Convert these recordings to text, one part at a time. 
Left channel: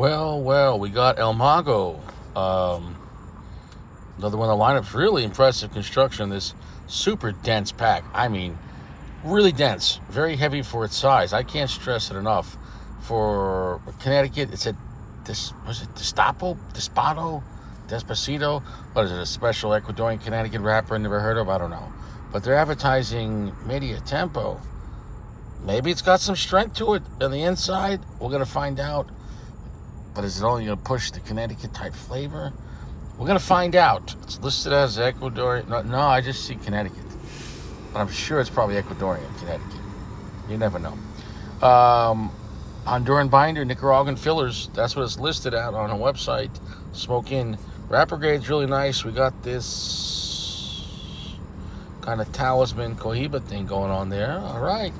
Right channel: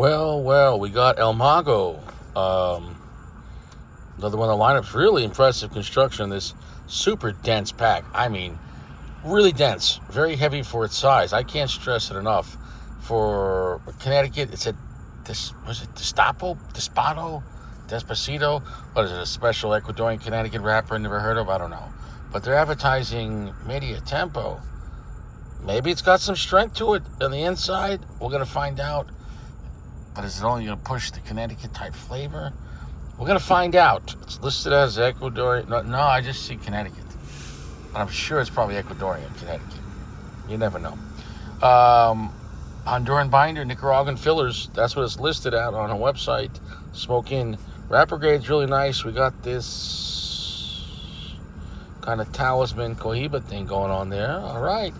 Well, we got El Mago. Another one of the lineups. Really impressive construction. This super dense pack. I mean, really dense. Very heavy for its size. I can't stress it enough. For Connecticut, it's was it Despacito? What is it, a special Ecuadorian Connecticut rapper I never heard of? I don't know. But they're advertising Media Tempo. Maybe it's got some strength to it on the inside. We're going to find out. But is it only going to push the Connecticut type flavor? We're going to find out. It's listed as Ecuadorian. No, I just see Connecticut. But I'm sure it's probably Ecuadorian Connecticut. You never know. Honduran binder, Nicaraguan fillers. That's what it's listed at on our website. Smoke in. Wrapper grade's really nice. We got this kind of talisman Cohiba thing going on there. All right.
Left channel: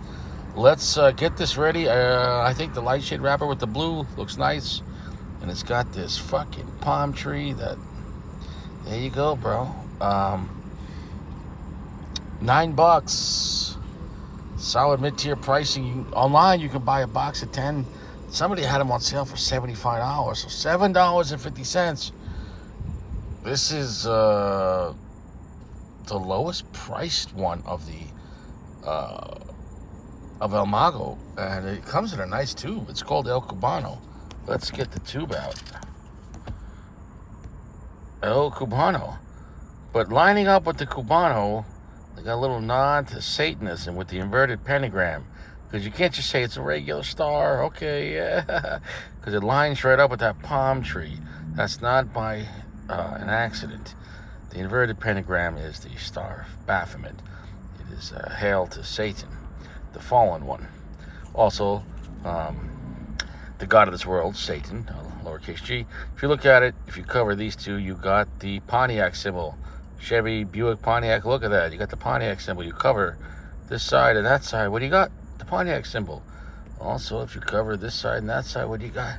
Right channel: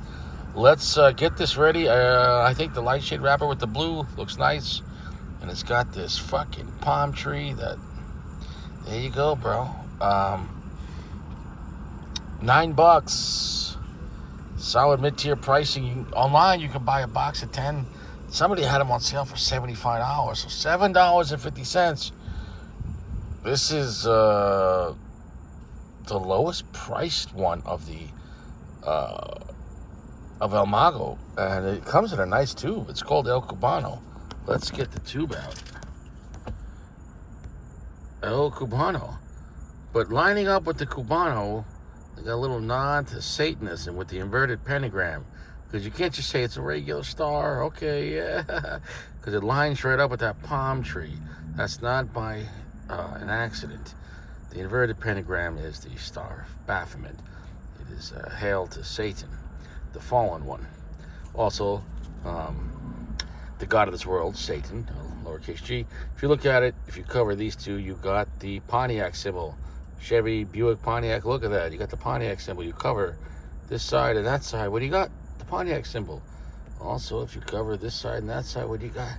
Let's get this ready. I think the light shade wrapper with the blue looks nice. And it's got this fucking palm tree that... There you go, bro. $9. Solid mid-tier pricing. Online, you can buy a box of 10. Somebody had them on sale for $75. So $7.50. This is the lowest priced one of the of El Mago, and it comes in a nice tube. It's called El Cubano. Let's get the tube out. El Cubano. But lining up with the Cubano, they got a little nod to Satanism with the inverted pentagram. Because you can't just say it's a regular star. Okay, yeah. Because it lines right up with that palm tree. That's not by an accident. The inverted pentagram is the Star of Baphomet. It is hail to Satan, the fallen one. Also, the god of this world, Satan, lowercase g. If you look at it, if you cover these two, you got the Pontiac symbol. Chevy, Buick, Pontiac, look at that. You got the Pontiac symbol. You cover this side and that side. What do you got? The Pontiac symbol. Also, if you cover this side and that side, what do you got?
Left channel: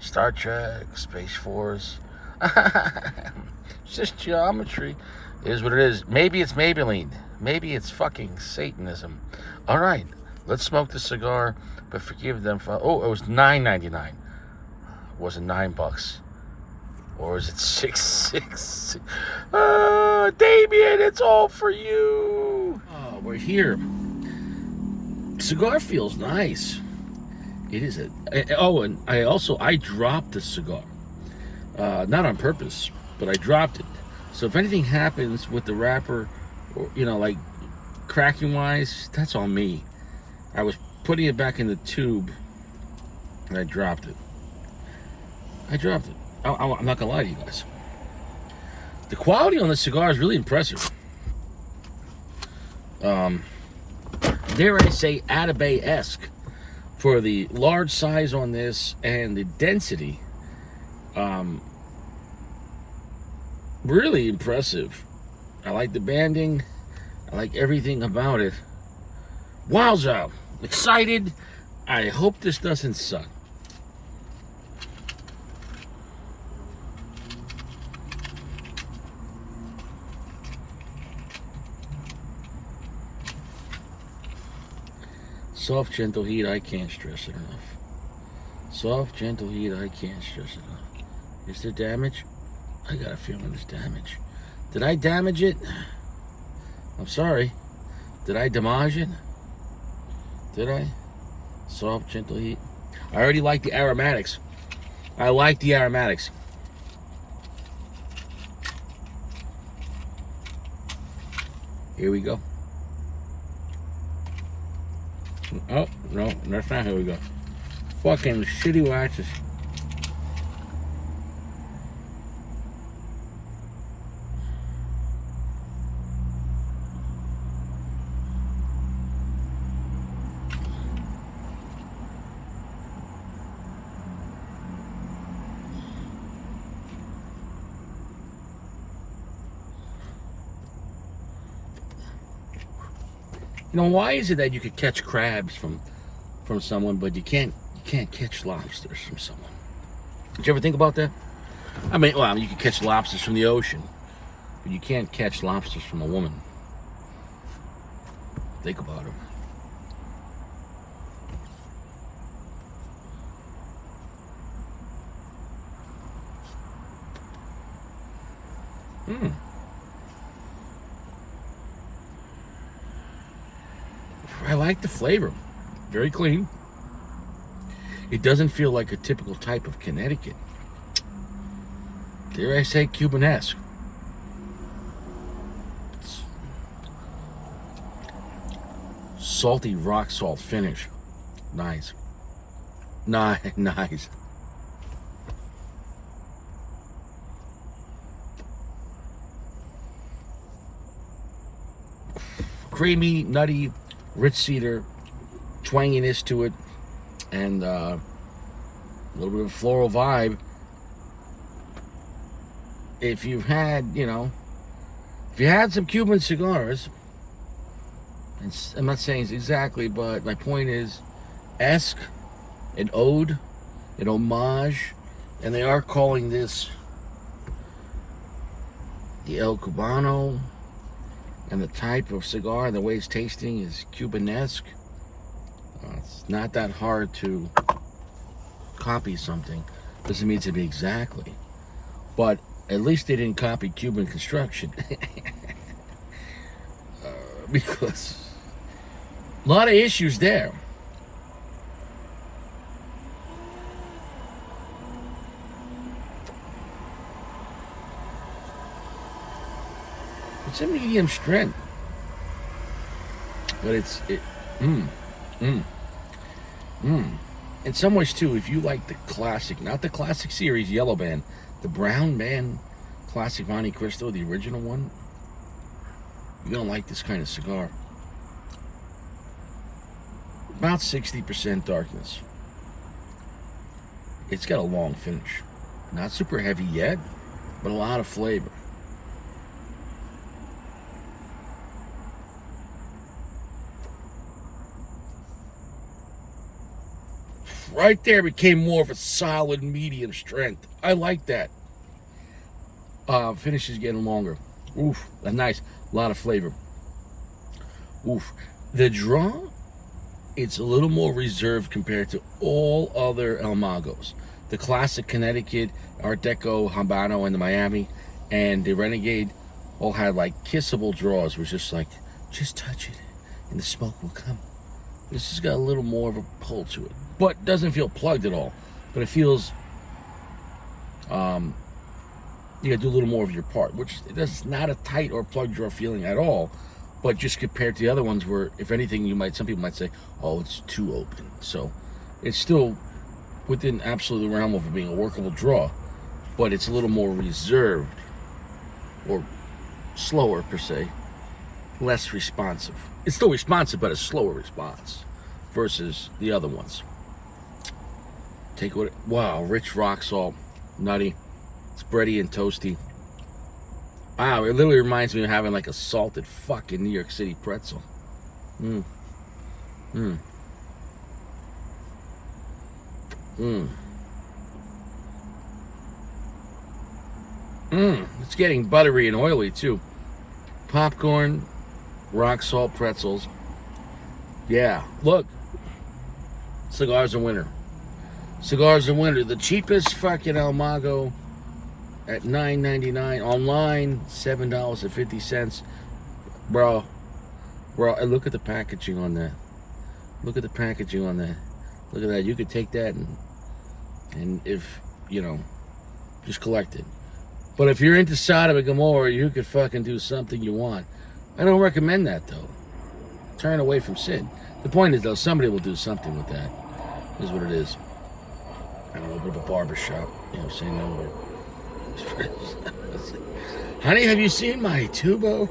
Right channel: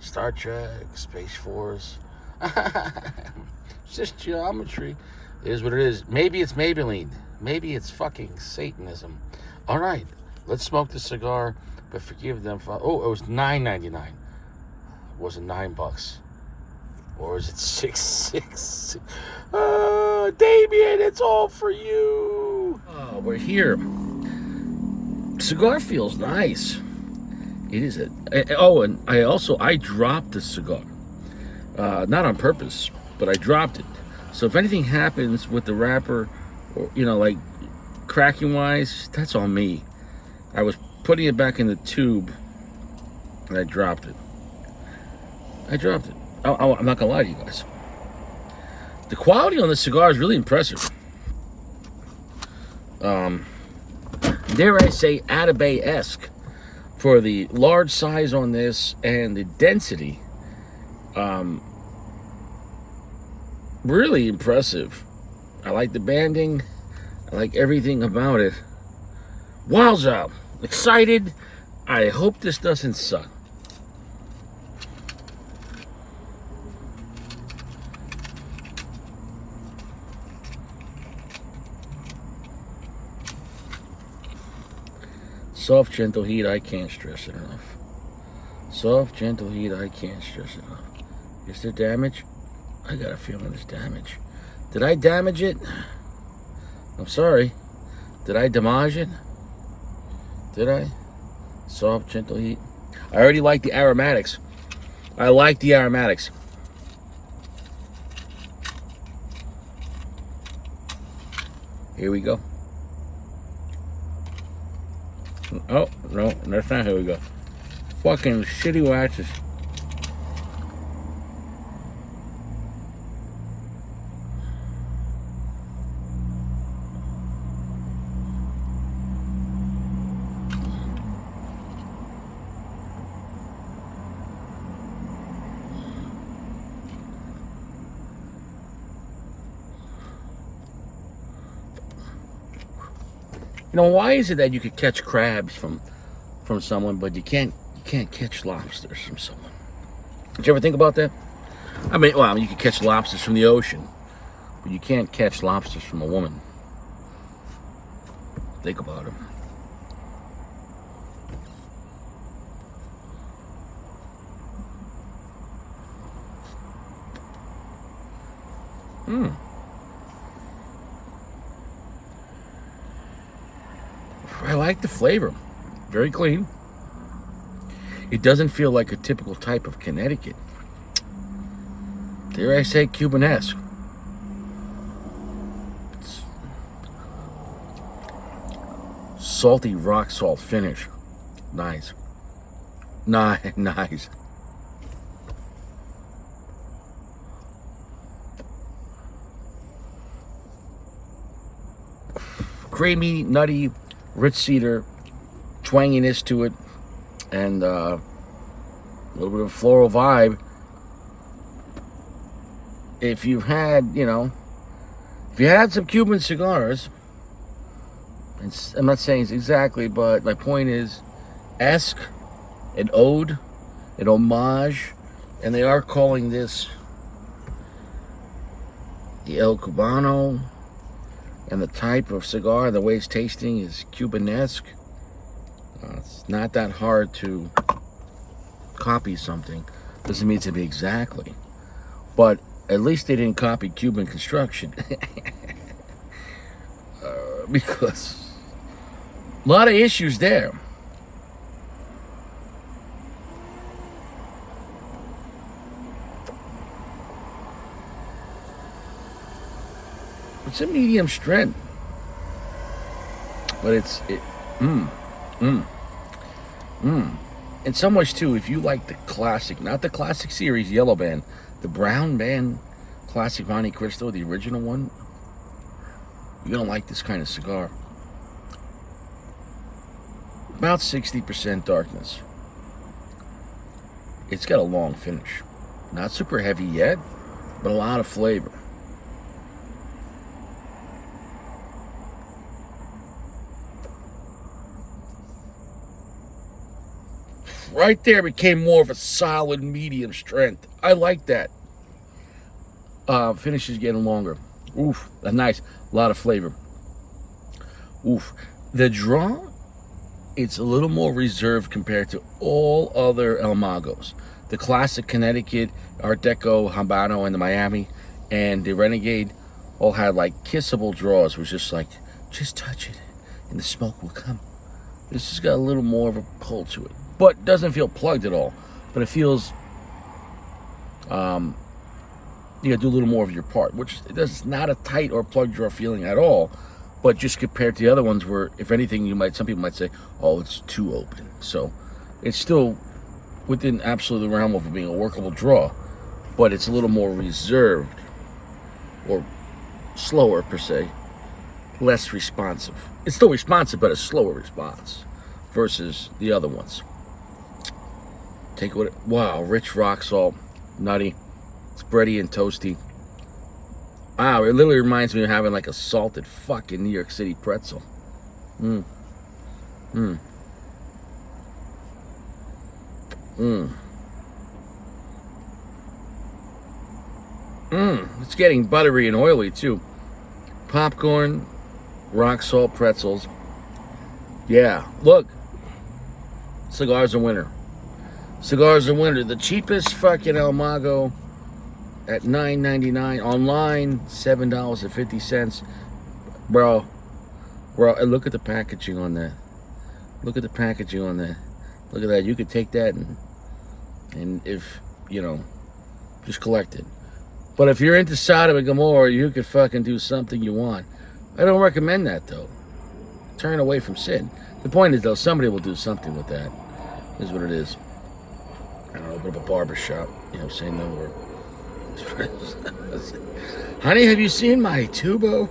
Star Trek, Space Force. It's just geometry. It is what it is. Maybe it's Maybelline. Maybe it's fucking Satanism. All right, let's smoke the cigar, but forgive them for... Oh, it was $9.99. Was it $9? Or is it $6? Damien, it's all for you. Oh, we're here. Cigar feels nice. It is a... Oh, and I dropped the cigar. Not on purpose, but I dropped it. So if anything happens with the wrapper, or, like cracking wise, that's on me. I was putting it back in the tube, and I dropped it. I'm not gonna lie to you guys. The quality on this cigar is really impressive. Dare I say, Atabay-esque for the large size on this and the density. Really impressive. I like the banding. I like everything about it. Wowza! Excited. I hope this doesn't suck. Soft, gentle heat, I can't stress it enough. Soft, gentle heat, I can't stress it enough. Is there damage? I got a feeling there's damage. Did I damage it? I'm sorry. Did I damage it? Did I? Soft, gentle heat. I already like the aromatics. I like the aromatics. Here we go. Oh, no, that's not how we go. Fucking shitty waxes. Why is it that you could catch crabs from someone, but you can't catch lobsters from someone? Did you ever think about that? I mean, you can catch lobsters from the ocean, but you can't catch lobsters from a woman. Think about them. Hmm. I like the flavor. Very clean. It doesn't feel like a typical type of Connecticut. Dare I say Cubanesque. It's salty rock salt finish. Nice. Nice. Creamy, nutty, rich cedar, twanginess to it, and a little bit of floral vibe. If you've had, if you had some Cuban cigars, I'm not saying it's exactly, but my point is, esque, an ode, an homage, and they are calling this the El Cubano, and the type of cigar, the way it's tasting is Cubanesque. It's not that hard to copy something. Doesn't mean to be exactly, but at least they didn't copy Cuban construction. Because a lot of issues there. It's a medium strength, but in some ways too, if you like the classic, not the classic series yellow band, the brown band classic Monte Cristo, the original one, you're gonna like this kind of cigar. About 60% darkness. It's got a long finish. Not super heavy yet, but a lot of flavor. Right there became more of a solid medium strength. I like that. Finish is getting longer. Oof, nice. A lot of flavor. Oof. The draw, it's a little more reserved compared to all other El Magos. The classic Connecticut, Art Deco, Habano, and the Miami, and the Renegade all had like kissable draws, was just like, just touch it and the smoke will come. This has got a little more of a pull to it, but doesn't feel plugged at all. But it feels, you gotta do a little more of your part, which is not a tight or plug draw feeling at all. But just compared to the other ones, where if anything, some people might say, oh, it's too open. So it's still within absolute realm of being a workable draw, but it's a little more reserved or slower per se, less responsive. It's still responsive, but a slower response versus the other ones. Wow, rich rock salt, nutty, it's bready and toasty. Wow, it literally reminds me of having like a salted fucking New York City pretzel. It's getting buttery and oily too. Popcorn, rock salt pretzels. Yeah, look. Cigars are winter. Cigars are winter. The cheapest fucking El Mago at $9.99. Online, $7.50. Bro, and look at the packaging on that. Look at the packaging on that. Look at that. You could take that and if, just collect it. But if you're into Sodom and Gomorrah, you could fucking do something you want. I don't recommend that, though. Turn away from sin. The point is, though, somebody will do something with that. Is what it is. I don't know, open up a barber shop. Say no word. Honey, have you seen my tubo?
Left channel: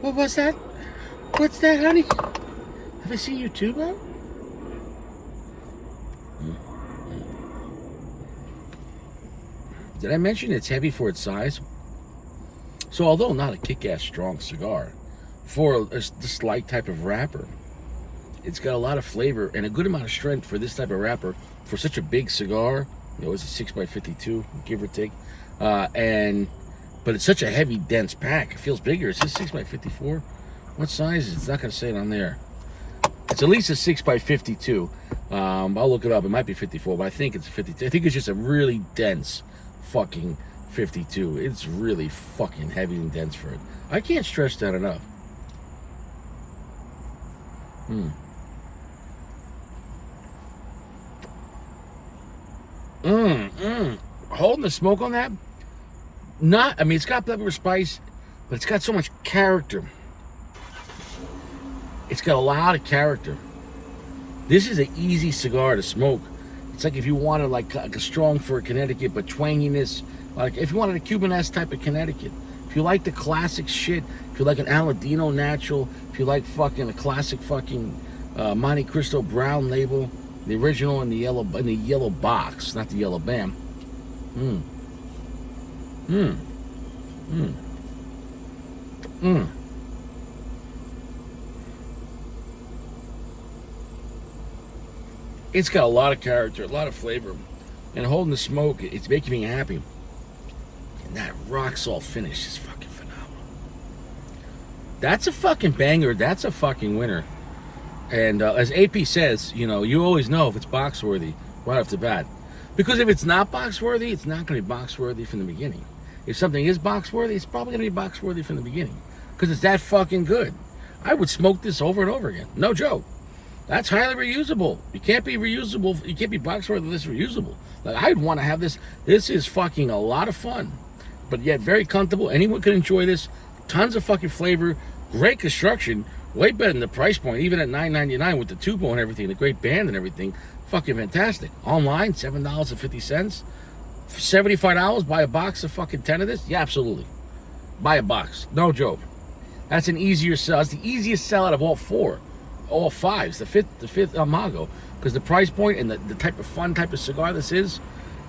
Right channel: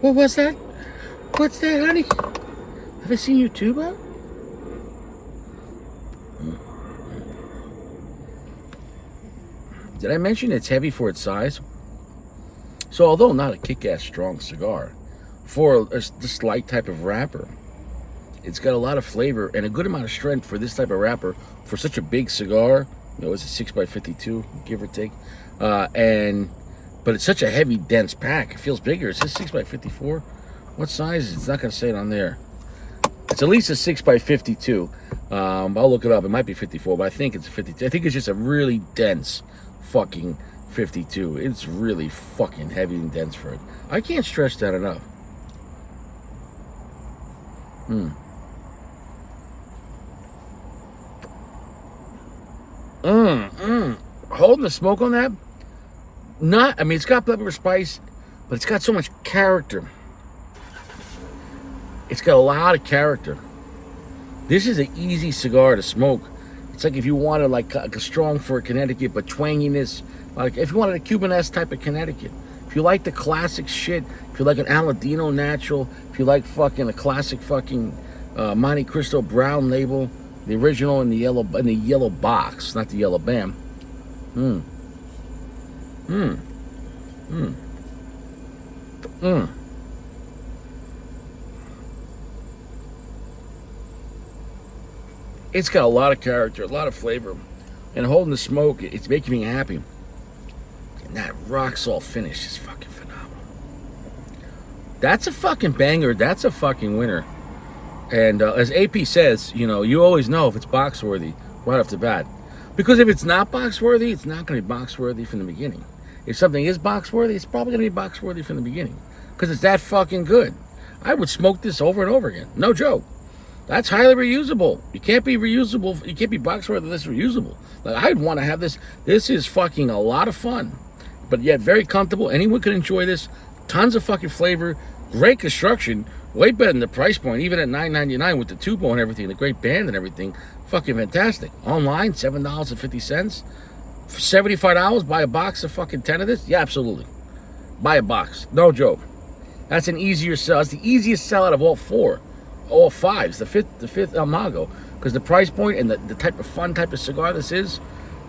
What was that? What's that, honey? Have I seen your tubo? Did I mention it's heavy for its size? So although not a kick-ass strong cigar, for this light type of wrapper, it's got a lot of flavor and a good amount of strength for this type of wrapper for such a big cigar. It's a 6x52, give or take. But it's such a heavy, dense pack. It feels bigger. Is this 6x54? What size is it? It's not going to say it on there. It's at least a 6x52. I'll look it up. It might be 54, but I think it's a 52. I think it's just a really dense fucking 52. It's really fucking heavy and dense for it. I can't stress that enough. Holding the smoke on that, I mean, it's got pepper spice, but it's got so much character. It's got a lot of character. This is an easy cigar to smoke. It's like if you wanted like a strong for Connecticut, but twanginess, like if you wanted a Cuban-esque type of Connecticut. If you like the classic shit, if you like an Aladino natural, if you like fucking a classic fucking Monte Cristo brown label, the original in the yellow box, not the yellow bam. It's got a lot of character, a lot of flavor, and holding the smoke, it's making me happy. And that rock salt finish is fucking phenomenal. That's a fucking banger. That's a fucking winner. And as AP says, you know, you always know if it's box worthy right off the bat. Because if it's not box worthy, it's not going to be box worthy from the beginning. If something is box worthy, it's probably going to be box worthy from the beginning. Because it's that fucking good. I would smoke this over and over again. No joke. That's highly reusable. You can't be reusable. You can't be box worthy unless reusable. Like, I'd want to have this. This is fucking a lot of fun. But yet very comfortable. Anyone can enjoy this. Tons of fucking flavor. Great construction. Way better than the price point. Even at $9.99 with the tubo and everything. The great band and everything. Fucking fantastic. Online, $7.50. For $75, buy a box of fucking 10 of this? Yeah, absolutely. Buy a box. No joke. That's an easier sell. It's the easiest sell out of all four. All fives. The fifth Mago. Because the price point and the type of fun type of cigar this is,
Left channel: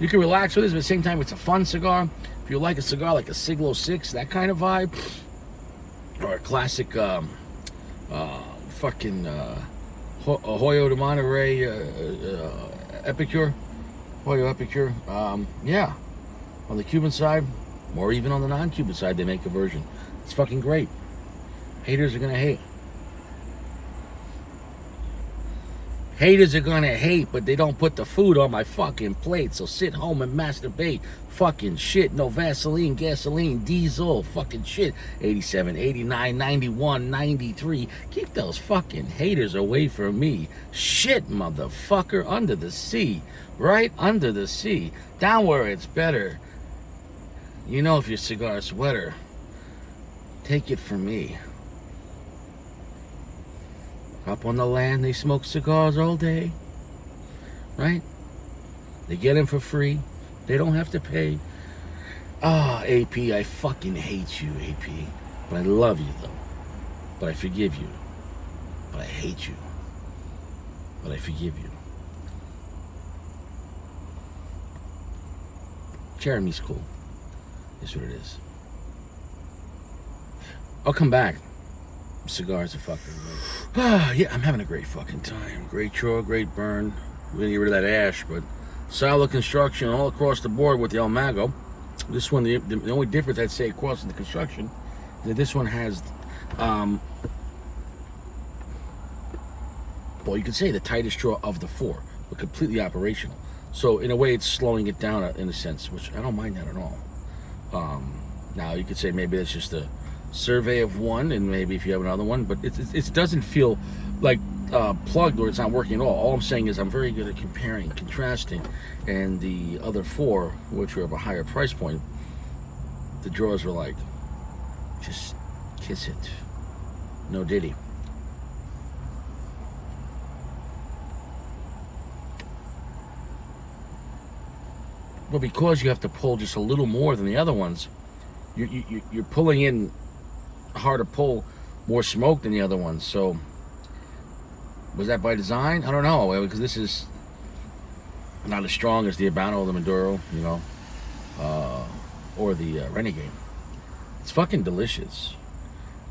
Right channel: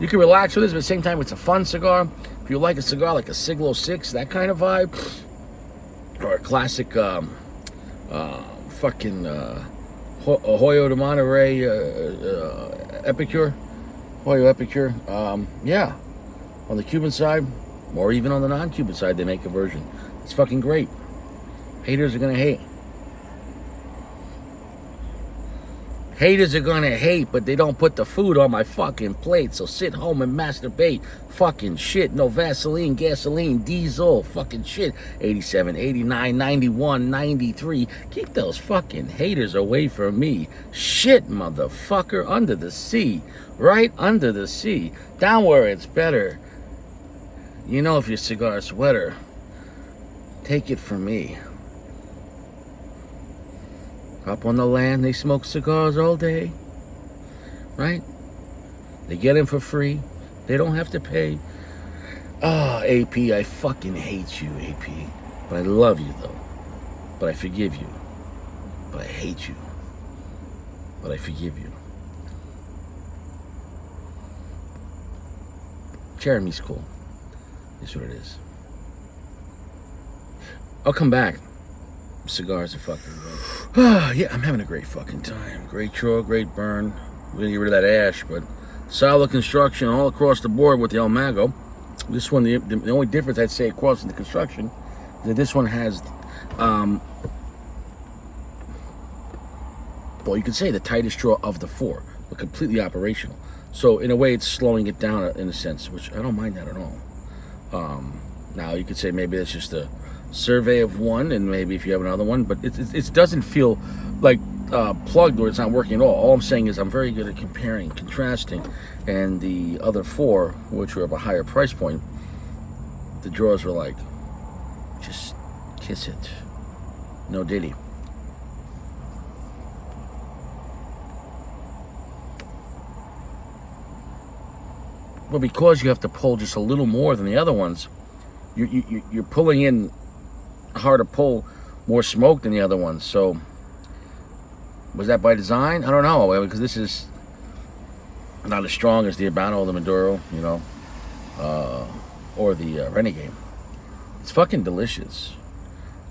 you can relax with this, but at the same time, it's a fun cigar. If you like a cigar like a Siglo 6, that kind of vibe, or a classic fucking Hoyo de Monterey Epicure, Hoyo Epicure, yeah. On the Cuban side, or even on the non-Cuban side, they make a version. It's fucking great. Haters are gonna hate. Haters are gonna hate, but they don't put the food on my fucking plate. So sit home and masturbate. Fucking shit. No Vaseline, gasoline, diesel. Fucking shit. 87, 89, 91, 93. Keep those fucking haters away from me. Shit, motherfucker. Under the sea. Right under the sea. Down where it's better. You know if your cigar's wetter, take it from me. Up on the land, they smoke cigars all day, right? They get them for free. They don't have to pay. Ah, AP, I fucking hate you, AP. But I love you, though. But I forgive you. But I hate you. But I forgive you. Jeremy's cool. That's what it is. I'll come back. Cigars are fucking great. Yeah, I'm having a great fucking time. Great chore, great burn. We're gonna get rid of that ash, but solid construction all across the board with the El Mago. This one, the only difference I'd say across the construction, that this one has, well, you could say the tightest draw of the four, but completely operational. So in a way, it's slowing it down in a sense, which I don't mind that at all. Now you could say maybe that's just a survey of one, and maybe if you have another one, but it doesn't feel like plugged or it's not working at all. All I'm saying is I'm very good at comparing, contrasting, and the other four, which were of a higher price point, the drawers were like, just kiss it, no diddy. Well, because you have to pull just a little more than the other ones, you're pulling in harder pull, more smoke than the other ones. So was that by design? I don't know, because this is not as strong as the Cubano or the Maduro, you know, or the Renegade. It's fucking delicious.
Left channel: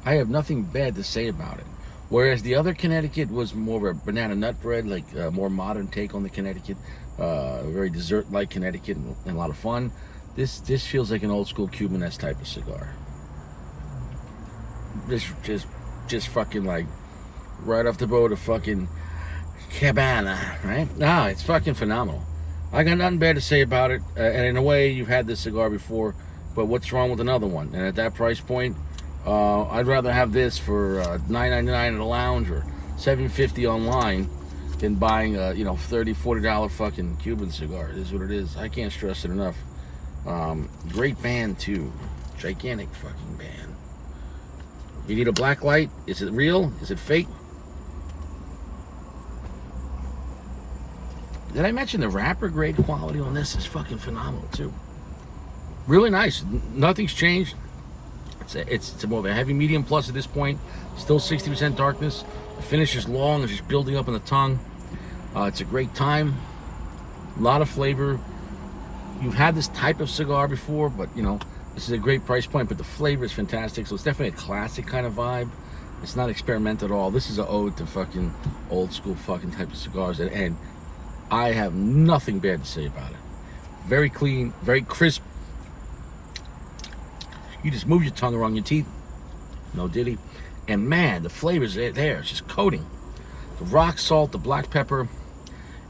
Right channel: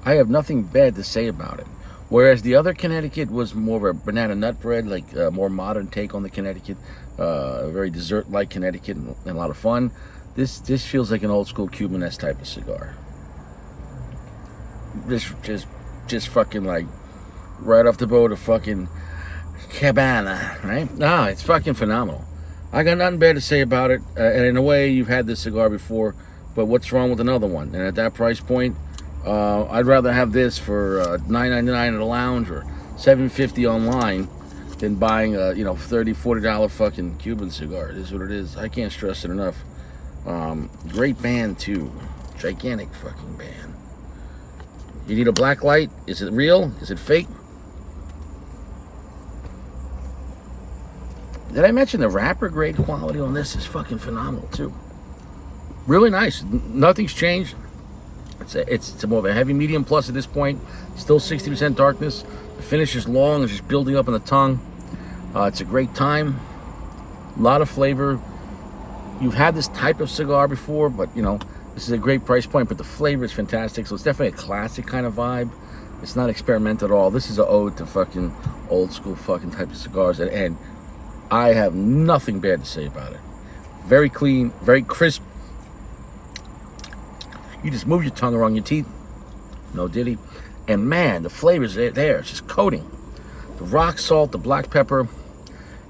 I have nothing bad to say about it. Whereas the other Connecticut was more of a banana nut bread, like a more modern take on the Connecticut, a very dessert-like Connecticut and a lot of fun. This feels like an old school Cuban-esque type of cigar. Just fucking like right off the boat of fucking Cubano, right? No, it's fucking phenomenal. I got nothing bad to say about it. And in a way, you've had this cigar before, but what's wrong with another one? And at that price point, I'd rather have this for $9.99 at a lounge or $7.50 online than buying a $30-40 fucking Cuban cigar. It is what it is. I can't stress it enough. Great band too, gigantic fucking band. You need a black light? Is it real? Is it fake? Did I mention the wrapper grade quality on this is fucking phenomenal too? Really nice. Nothing's changed. It's more of a heavy medium plus at this point. Still 60% darkness. The finish is long. It's just building up in the tongue. It's a great time. A lot of flavor. You've had this type of cigar before, but this is a great price point. But the flavor is fantastic. So it's definitely a classic kind of vibe. It's not experimental at all. This is an ode to fucking old school fucking type of cigars. And I have nothing bad to say about it. Very clean, very crisp. You just move your tongue around your teeth. No diddy. And man, the flavor's there. It's just coating. The rock salt, the black pepper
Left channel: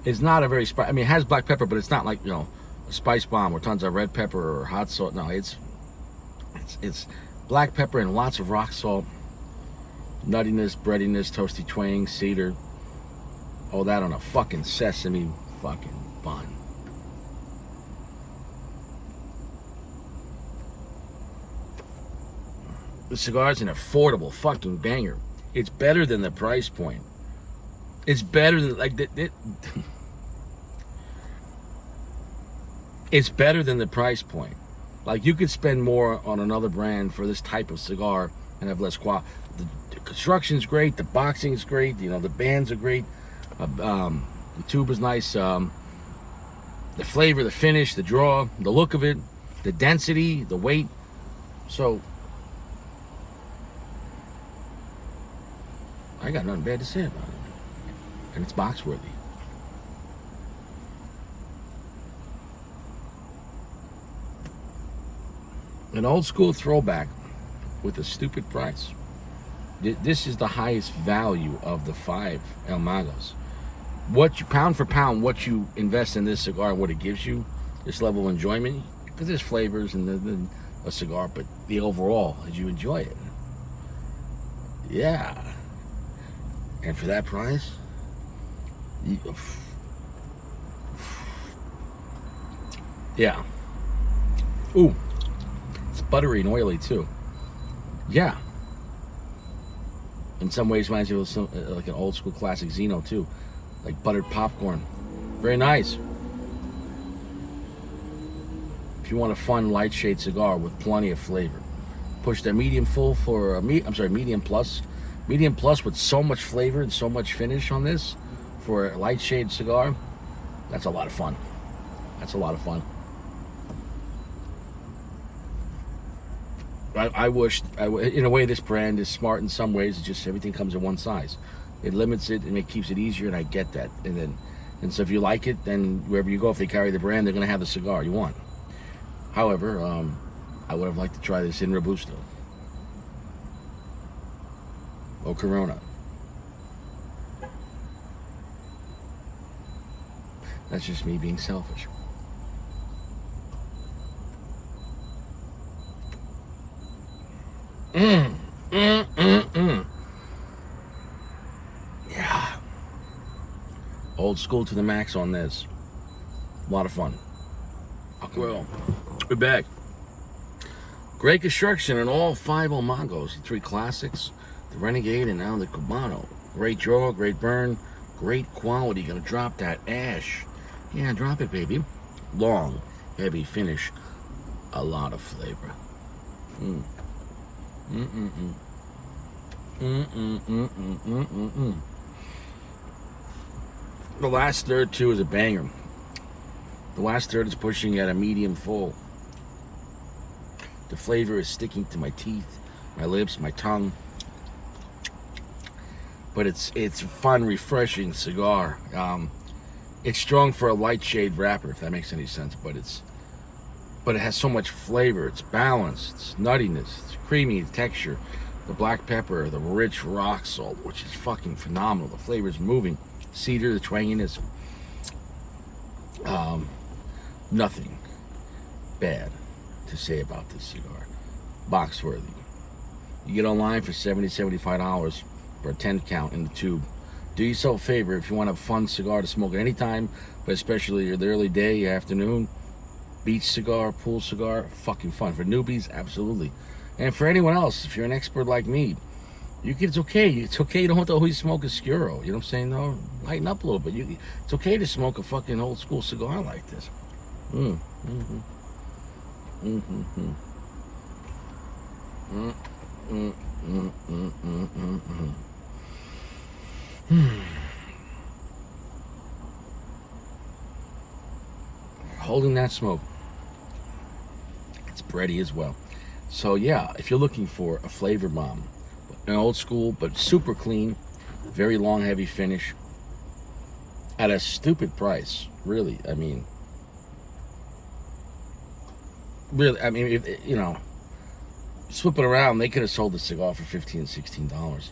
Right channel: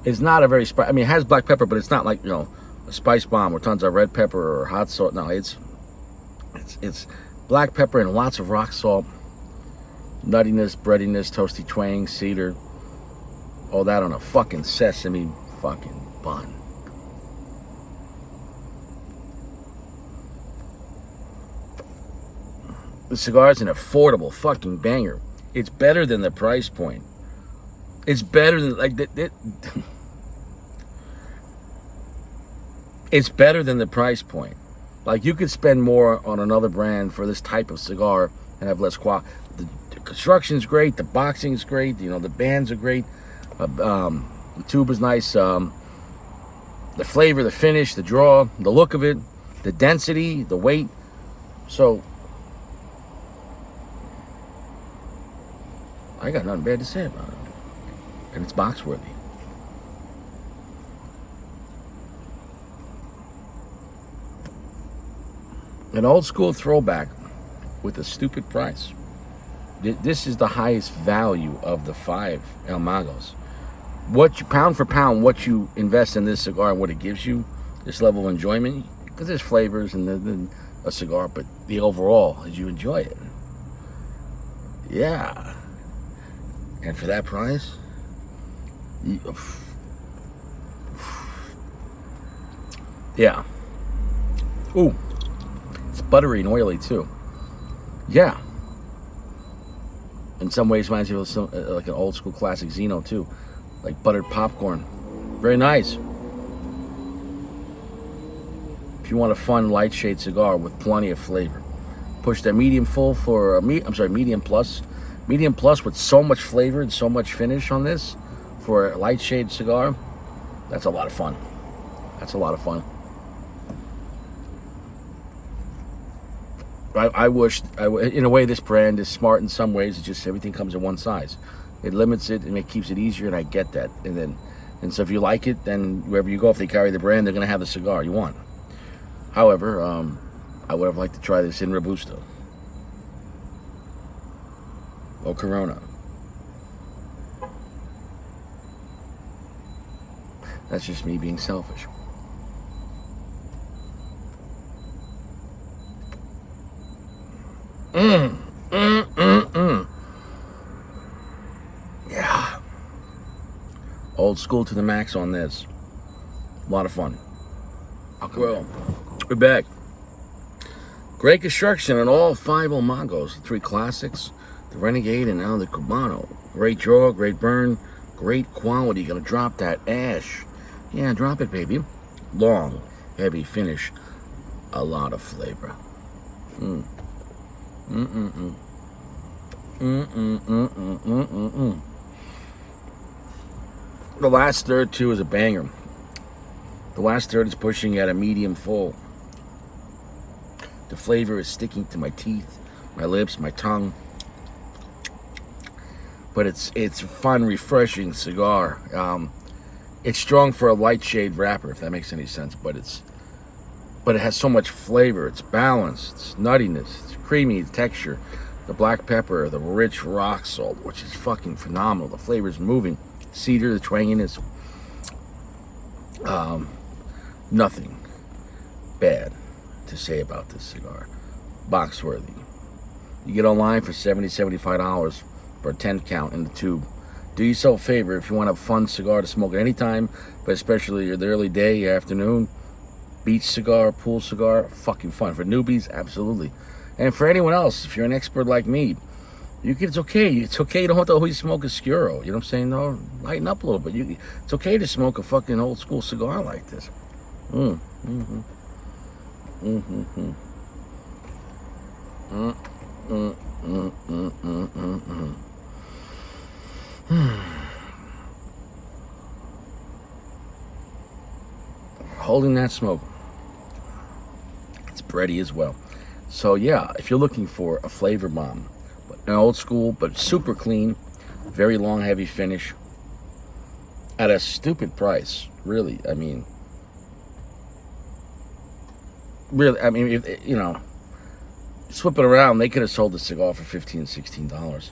is not a very spicy. I mean, it has black pepper, but it's not like, a spice bomb or tons of red pepper or hot salt. No, it's black pepper and lots of rock salt. Nuttiness, breadiness, toasty twang, cedar. All that on a fucking sesame fucking bun. The cigar is an affordable fucking banger. It's better than the price point. It's better than it's better than the price point. Like, you could spend more on another brand for this type of cigar and have less quality. The construction's great. The boxing is great. The bands are great. The tube is nice. The flavor, the finish, the draw, the look of it, the density, the weight. So I got nothing bad to say about it. And it's box worthy. An old school throwback with a stupid price. This is the highest value of the 5 El Magos. Pound for pound, what you invest in this cigar and what it gives you, this level of enjoyment, because there's flavors and a cigar, but the overall is you enjoy it. Yeah. And for that price, yeah. Ooh, it's buttery and oily too. Yeah. In some ways, reminds me of like an old school classic Zeno too, like buttered popcorn. Very nice. If you want a fun light shade cigar with plenty of flavor, push that medium full for medium plus. Medium plus with so much flavor and so much finish on this for a light shade cigar. That's a lot of fun. That's a lot of fun. I wish, in a way, this brand is smart in some ways. It's just everything comes in one size. It limits it and it keeps it easier, and I get that. And so if you like it, then wherever you go, if they carry the brand, they're going to have the cigar you want. However, I would have liked to try this in Robusto or Corona. That's just me being selfish. Yeah. Old school to the max on this. A lot of fun. Well, we're back. Great construction on all 5 El Magos, the 3 classics, the Renegade, and now the Cubano. Great draw, great burn, great quality. Gonna drop that ash. Yeah, drop it, baby. Long, heavy finish. A lot of flavor. The last third too is a banger. The last third is pushing at a medium full. The flavor is sticking to my teeth, my lips, my tongue. But it's a fun, refreshing cigar. It's strong for a light shade wrapper, if that makes any sense. But it has so much flavor. It's balanced. It's nuttiness. It's creamy texture. The black pepper, the rich rock salt, which is fucking phenomenal. The flavor is moving. Cedar, the twanginess. Nothing bad to say about this cigar. Box worthy. You get online for $70, $75 for a 10 count in the tube. Do yourself a favor if you want a fun cigar to smoke at any time, but especially the early day, your afternoon. Beach cigar, pool cigar, fucking fun. For newbies, absolutely. And for anyone else, if you're an expert like me, it's okay. It's okay. You don't have to always smoke a Scuro. You know what I'm saying? No, lighten up a little bit. It's okay to smoke a fucking old school cigar like this. Holding that smoke. It's bready as well. So yeah, if you're looking for a flavor bomb, an old school but super clean, very long heavy finish at a stupid price, really. I mean, if you know, swip it around, they could have sold the cigar for $15, $16,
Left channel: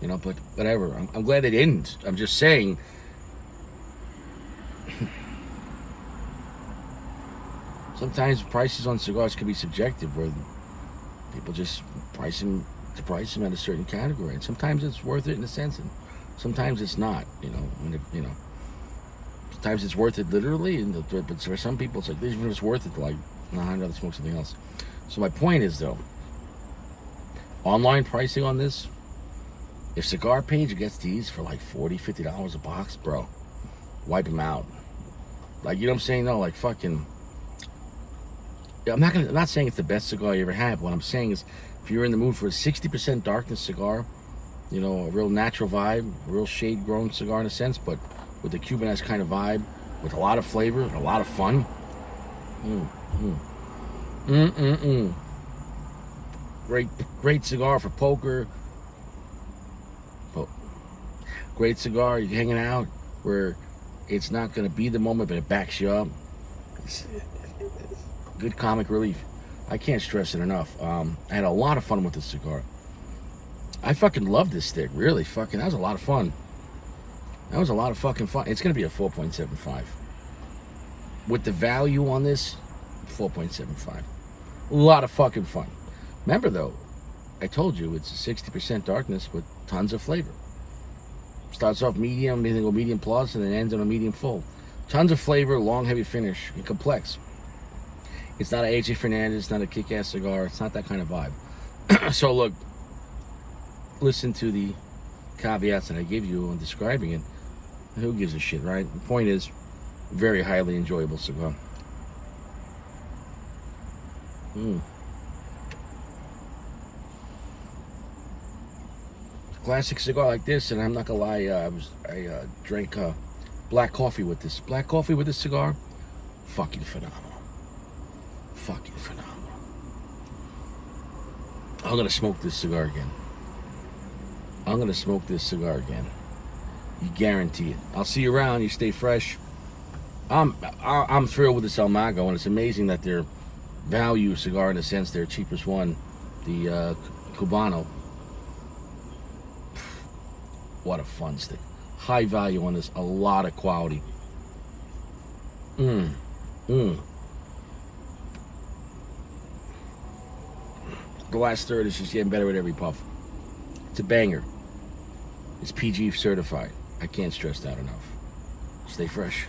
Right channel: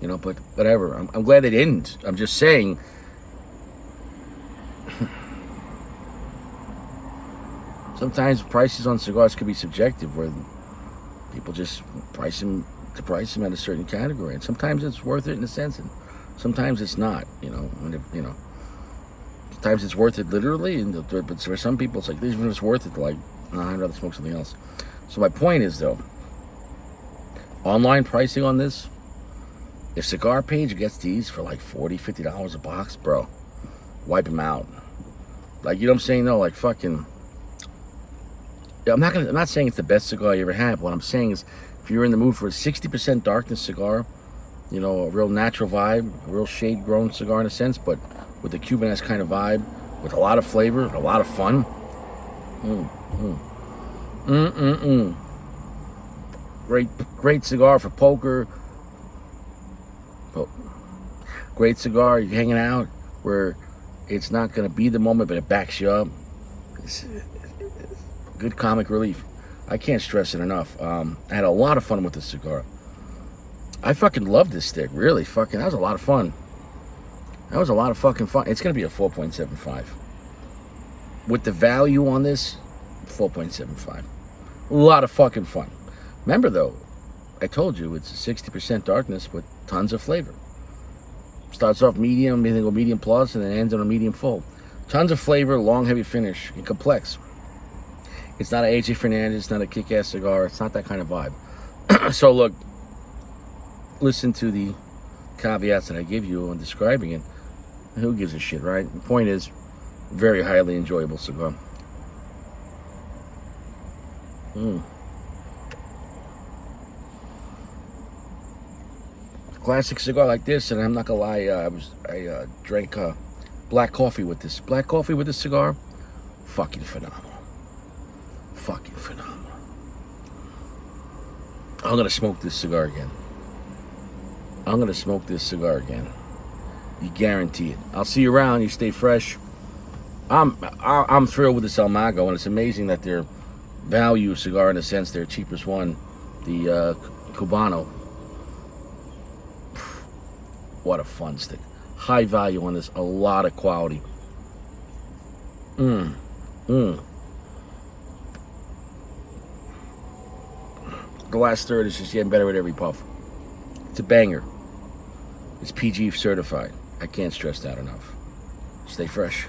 you know, but whatever. I'm glad they didn't. I'm just saying, sometimes prices on cigars could be subjective, where people just price them at a certain category, and sometimes it's worth it in a sense, and sometimes it's not. You know, sometimes it's worth it literally, but for some people, it's like even if it's worth it, like, no, I'd rather smoke something else. So my point is, though, online pricing on this, if Cigar Page gets these for like $40, $50 a box, bro, wipe them out. Like, you know what I'm saying? though? Like, fucking. I'm not saying it's the best cigar you ever had. But what I'm saying is, if you're in the mood for a 60% darkness cigar, you know, a real natural vibe, a real shade-grown cigar in a sense, but with a Cuban-esque kind of vibe, with a lot of flavor, a lot of fun. Great cigar for poker. Great cigar, you're hanging out where it's not going to be the moment, but it backs you up. It's good comic relief. I can't stress it enough. I had a lot of fun with this cigar. I fucking love this stick. Really, fucking, that was a lot of fun. That was a lot of fucking fun. It's going to be a 4.75. With the value on this, 4.75. A lot of fucking fun. Remember, though, I told you it's a 60% darkness with tons of flavor. Starts off medium, then go medium plus, and then ends on a medium full. Tons of flavor, long, heavy finish, and complex. It's not an AJ Fernandez, it's not a kick-ass cigar, it's not that kind of vibe. So look, listen to the caveats that I give you on describing it. Who gives a shit, right? The point is, very highly enjoyable cigar. Classic cigar like this, and I'm not gonna lie, I drank black coffee with this. Black coffee with this cigar, fucking phenomenal. Fucking phenomenal. I'm gonna smoke this cigar again. You guarantee it. I'll see you around. You stay fresh. I'm thrilled with this El Mago, and it's amazing that their value cigar, in a sense, their cheapest one, the Cubano. What a fun stick. High value on this, a lot of quality. The last third is just getting better with every puff. It's a banger. It's PG certified. I can't stress that enough. Stay fresh.